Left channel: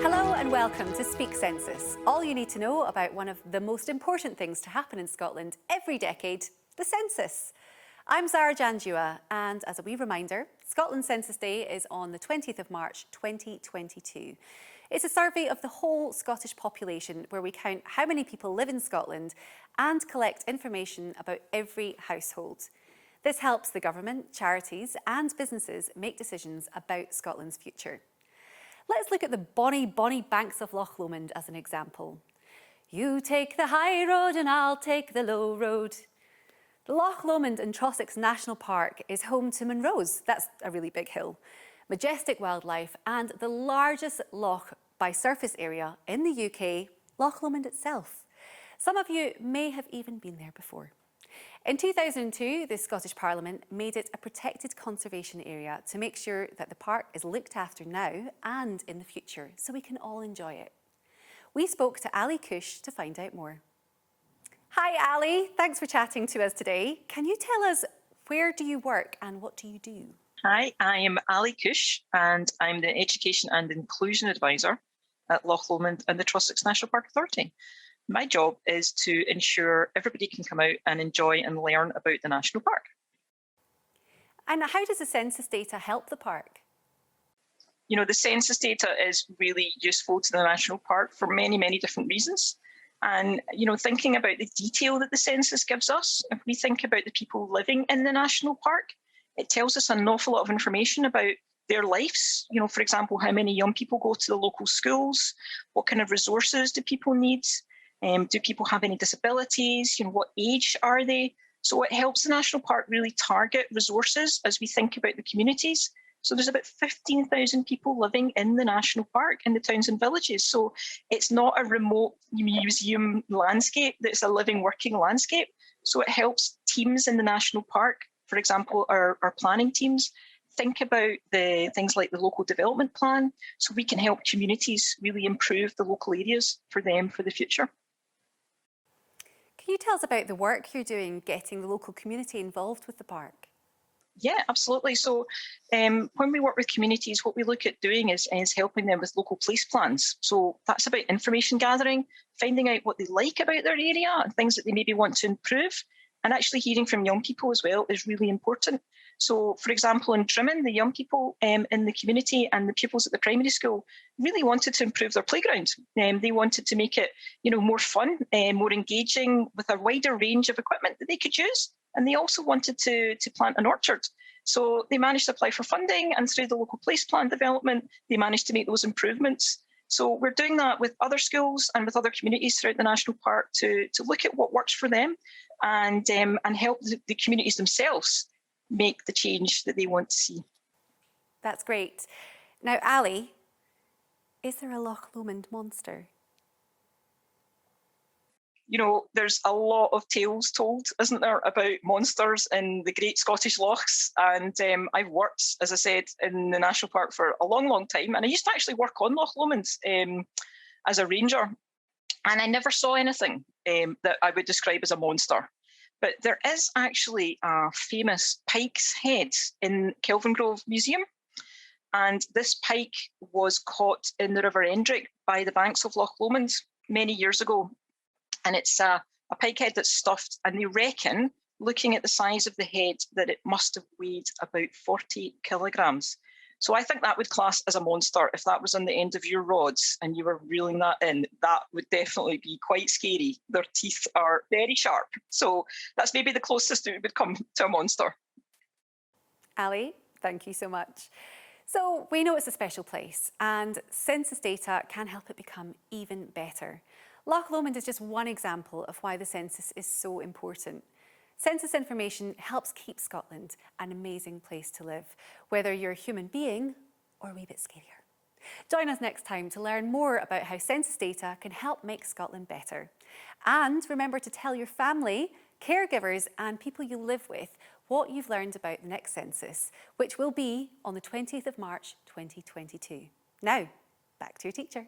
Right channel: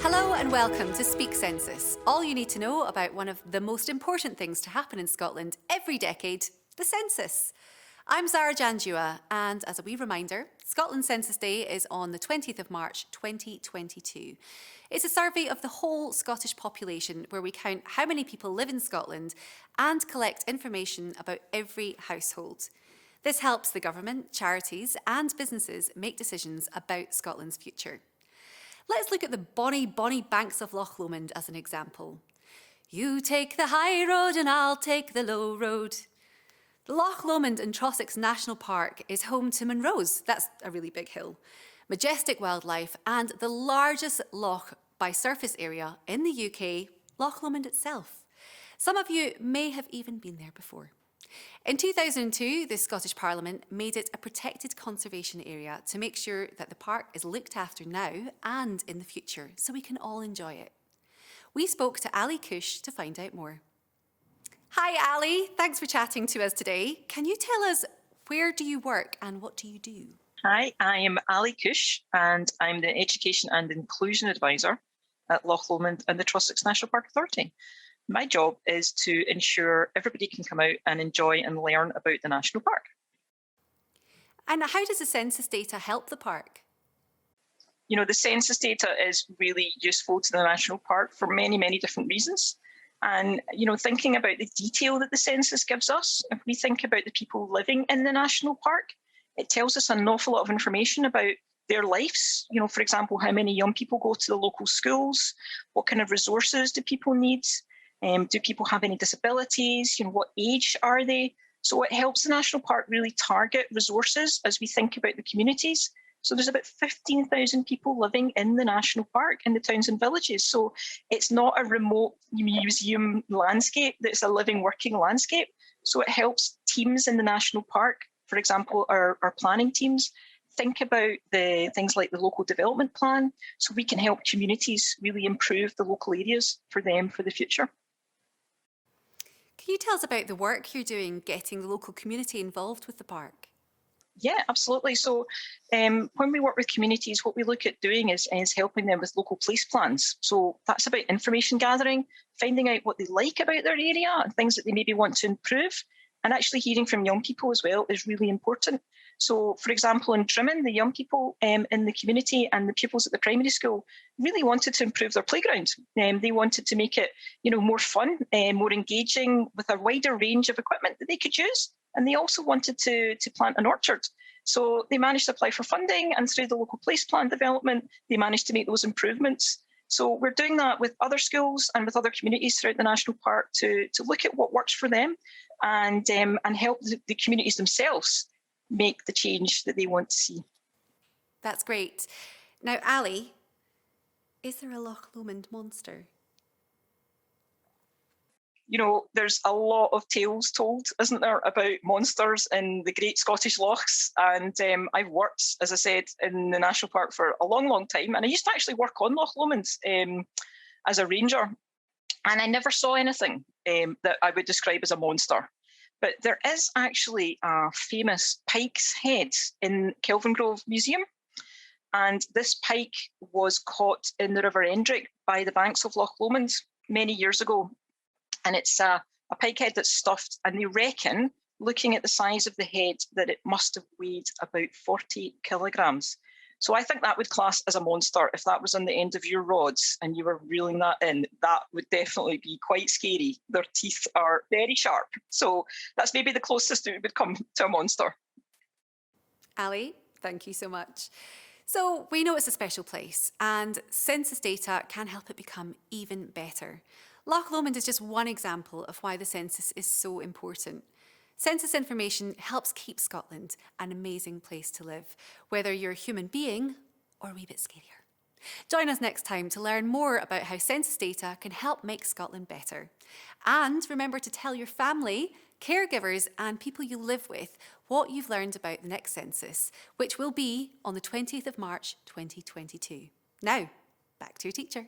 Hello and welcome to Speak Census. All you need to know about one of the most important things to happen in Scotland every decade, the census. I'm Zara Janjua, and as a wee reminder, Scotland Census Day is on the 20th of March 2022. It's a survey of the whole Scottish population where we count how many people live in Scotland and collect information about every household. This helps the government, charities and businesses make decisions about Scotland's future. Let's look at the bonny banks of Loch Lomond as an example. You take the high road and I'll take the low road. Loch Lomond in Trossachs National Park is home to Munros, that's a really big hill, majestic wildlife and the largest loch by surface area in the UK, Loch Lomond itself. Some of you may have even been there before. In 2002, the Scottish Parliament made it a protected conservation area to make sure that the park is looked after now and in the future so we can all enjoy it. We spoke to Ali Kush to find out more. Hi Ali, thanks for chatting to us today. Can you tell us, where do you work and what do you do? Hi, I am Ali Kush and I'm the Education and Inclusion Advisor at Loch Lomond and the Trossachs National Park Authority. My job is to ensure everybody can come out and enjoy and learn about the National Park. And how does the census data help the park? You know, the census data is really useful to the National Park for many different reasons. And, you know, thinking about the detail that the census gives us, if we think about the people living in the National Park, it tells us an awful lot of information about their lives. You know, for example, how many young people go to the local schools, what kind of resources do people need, do people have any disabilities, you know, what age are they? So it helps the National Park really target resources as we think about the communities. So there's about 15,000 people living in the National Park in the towns and villages. So it's not a remote museum landscape, it's a living, working landscape. So it helps teams in the National Park, for example, our planning teams, think about the things like the local development plan, so we can help communities really improve the local areas for them for the future. Can you tell us about the work you're doing getting the local community involved with the park? Yeah, absolutely. So when we work with communities, what we look at doing is helping them with local place plans. So that's about information gathering, finding out what they like about their area and things that they maybe want to improve. And actually hearing from young people as well is really important. So, for example, in Trimmin, the young people in the community and the pupils at the primary school really wanted to improve their playground. They wanted to make it, you know, more fun, more engaging with a wider range of equipment that they could use. And they also wanted to plant an orchard. So they managed to apply for funding, and through the local place plan development, they managed to make those improvements. So we're doing that with other schools and with other communities throughout the National Park to look at what works for them and help the communities themselves make the change that they want to see. That's great. Now, Ali, is there a Loch Lomond monster? You know, there's a lot of tales told, isn't there, about monsters in the Great Scottish Lochs. And I've worked, as I said, in the National Park for a long time. And I used to actually work on Loch Lomond as a ranger. And I never saw anything that I would describe as a monster. But there is actually a famous pike's head in Kelvingrove Museum. And this pike was caught in the River Endrick by the banks of Loch Lomond many years ago. And it's a pike head that's stuffed, and they reckon, looking at the size of the head, that it must have weighed about 40 kilograms. So I think that would class as a monster. If that was on the end of your rods and you were reeling that in, that would definitely be quite scary. Their teeth are very sharp. So that's maybe the closest it would come to a monster. Ali, thank you so much. So we know it's a special place, and census data can help it become even better. Loch Lomond is just one example of why the census is so important. Census information helps keep Scotland an amazing place to live, whether you're a human being or a wee bit scarier. Join us next time to learn more about how census data can help make Scotland better. And remember to tell your family, caregivers and people you live with what you've learned about the next census, which will be on the 20th of March 2022. Now, back to your teacher.